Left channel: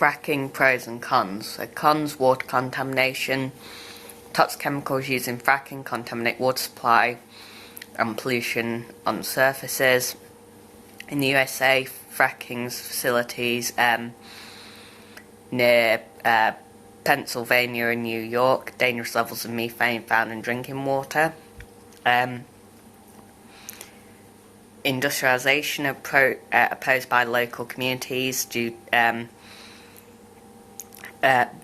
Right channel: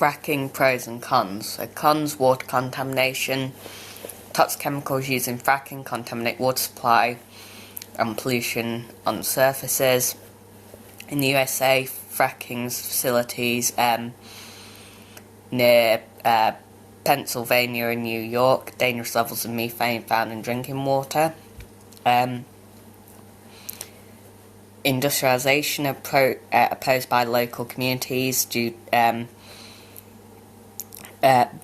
fracking pros and cons. So cons: water contamination. Toxic chemicals used in fracking contaminate water supply and pollution on surfaces. In the USA, fracking facilities near Pennsylvania and New York, dangerous levels of methane found in drinking water. Industrialisation opposed by local communities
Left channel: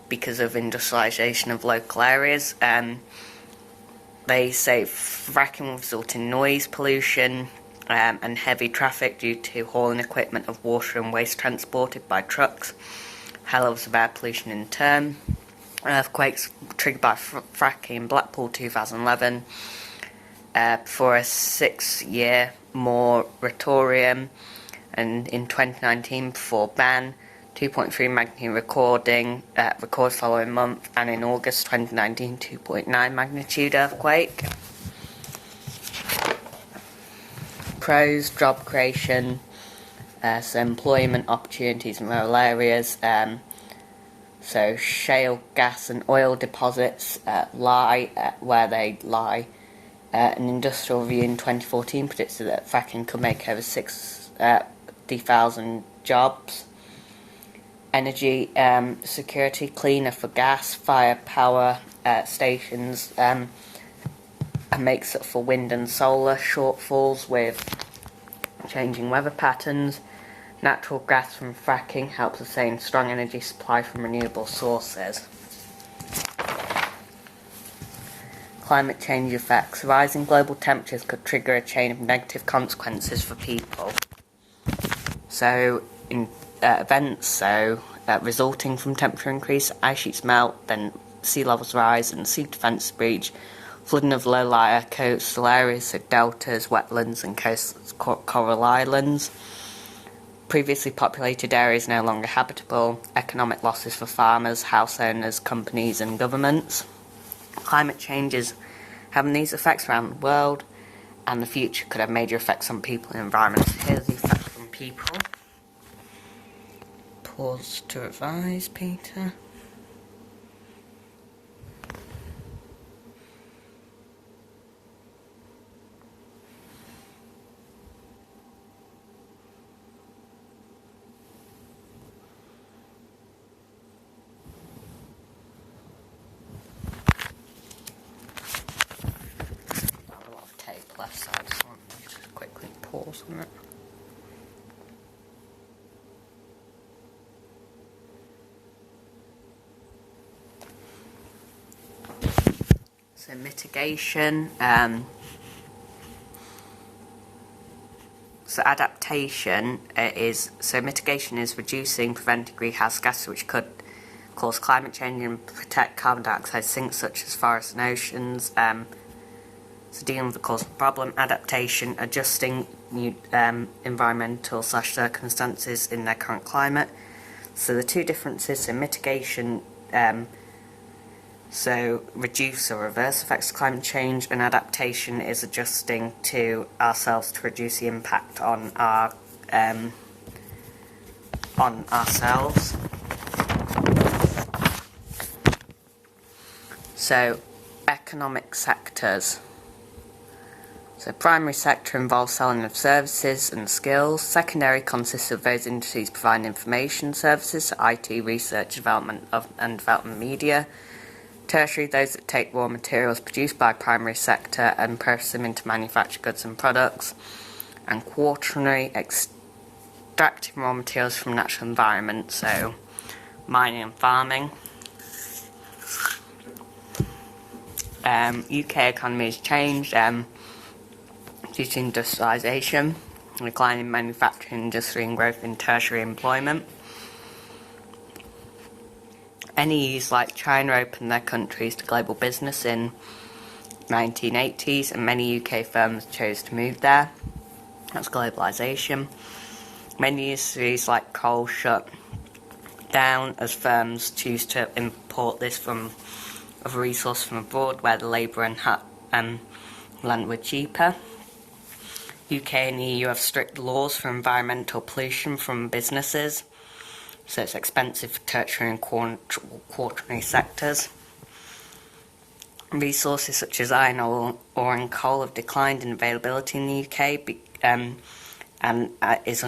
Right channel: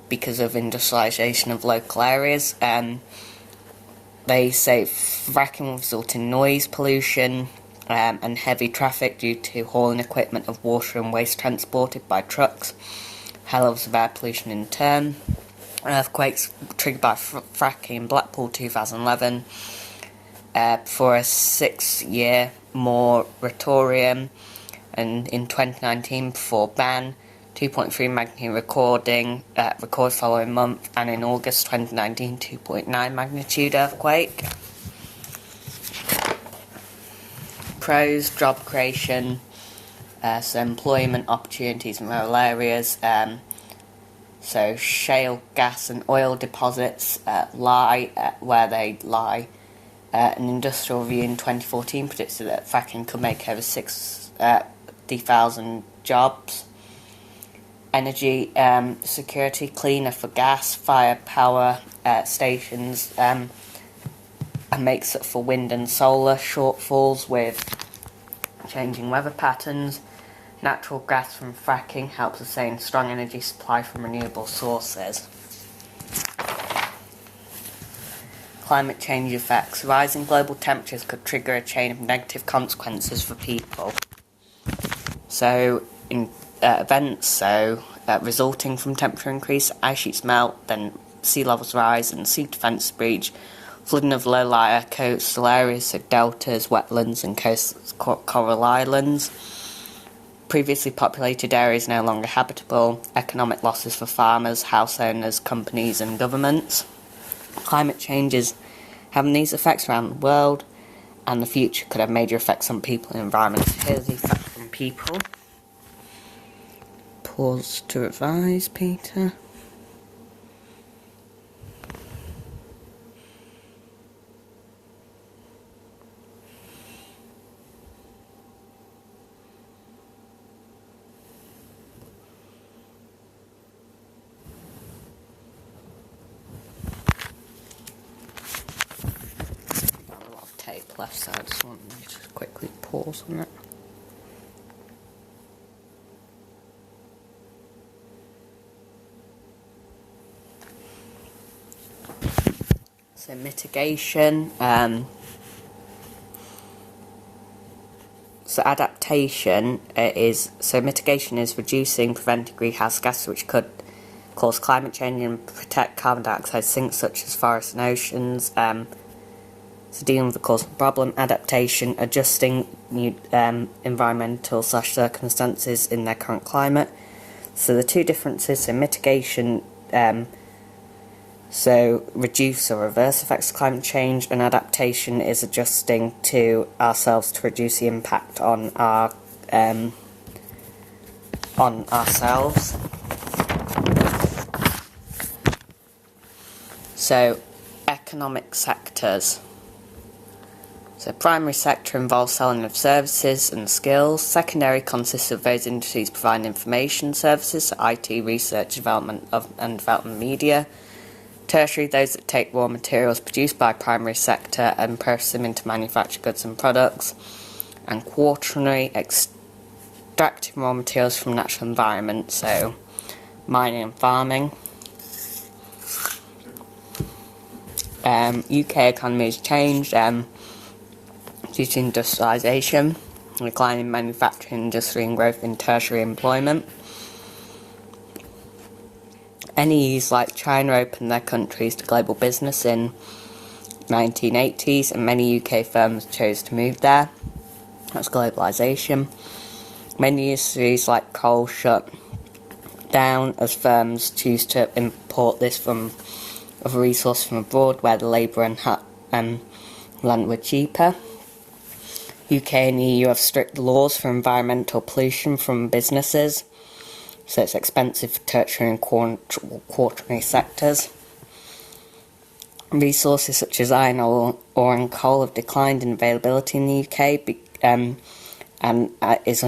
because of industrialisation of local areas. They say fracking will result in noise pollution and heavy traffic due to hauling equipment of water and waste transported by trucks. High levels of air pollution in turn. Earthquakes triggered by fracking in Blackpool 2011 for a 6-year moratorium, and in 2019 before ban, 2.3 magnitude recorded following month, and in August 2019 2.9 magnitude earthquake. Pros: job creation, so employment opportunities in rural areas. So shale gas and oil deposits lie where they lie. An industrial review in 2014 predicted that fracking could make over 60,000 jobs. Energy security, cleaner for gas, fire power stations, and makes up for wind and solar shortfalls with changing weather patterns. Natural gas from fracking helps sustain strong energy supply from renewable sources. Climate change effects. Rising global temperatures could trigger a chain of negative consequences for people. So, in events resulting from temperature increase, ice sheets melt, then sea levels rise and sea defence breach, flooding of low-lying coastal areas, so deltas, wetlands and coral islands. Previously populated areas no longer habitable, economic losses for farmers, house owners, companies and governments. Climate change is having these effects around the world, and the future could have major effects on people and environment. Here's the effects on people. Pause to revise, Peter. Left side, so I just quickly pause on it. So mitigation, so adaptation mitigation is reducing, preventing greenhouse gases which could cause climate change and protect carbon dioxide sinks such as forests and oceans. So dealing with the cause of the problem. Adaptation, adjusting new environmental circumstances in their current climate. So the two differences, so mitigation, so reduce or reverse effects of climate change, and adaptation is adjusting to ourselves to reduce the impact on ourselves. So economic sectors. So primary sector involves selling of services and skills. Secondary consists of those industries providing information services, so IT, research, development and development media. Tertiary, those that take raw materials produced by primary sector and process them into manufactured goods and products. And quaternary, extracting raw materials from natural environment, so mining and farming. UK economy has changed due to industrialisation, declining manufacturing industry and growth in tertiary employment. NEUs like China opened their countries to global business in 1980s, and many UK firms chose to move there. That's globalisation. Many industries like coal shut down as firms choose to import this from a resource from abroad where the labour and land were cheaper. UK and EU have strict laws for environmental pollution from businesses. so it's expensive for tertiary and quaternary sectors. Resources such as iron ore and coal have declined in availability in the UK and is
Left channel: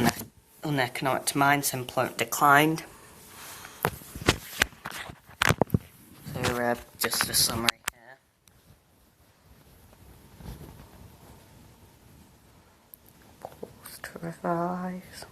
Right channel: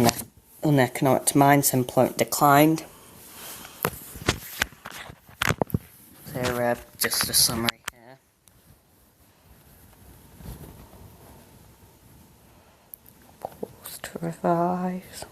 uneconomic to mine, so employment declined. So just a summary here. Pause to revise.